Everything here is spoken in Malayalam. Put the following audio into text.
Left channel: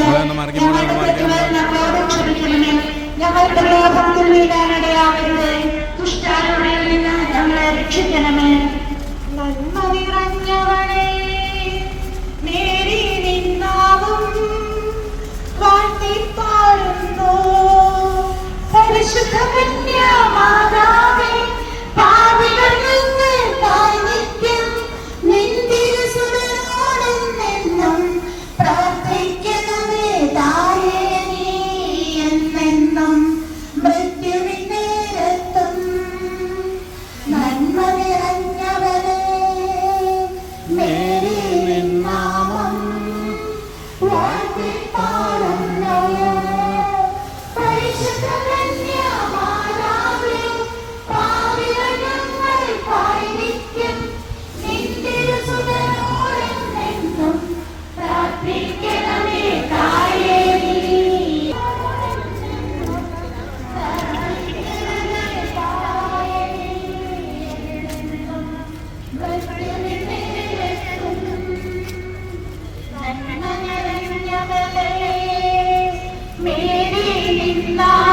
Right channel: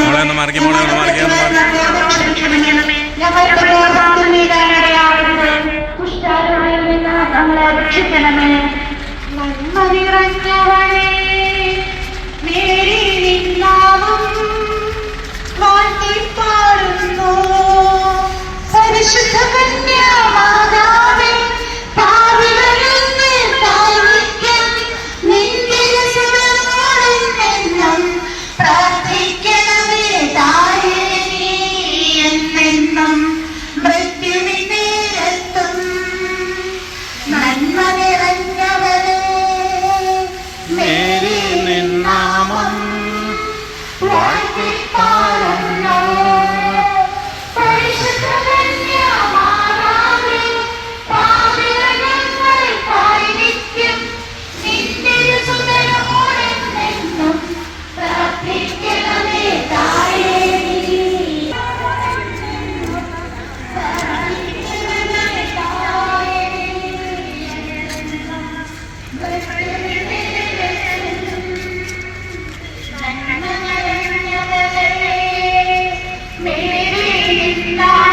മോളെ ഒന്ന് മാറിക്ക്, മോളെ ഒന്ന് മാറിക്ക്, ഒന്ന് മാറിക്ക്. Why we fall in love? Praise the heaven. मेरे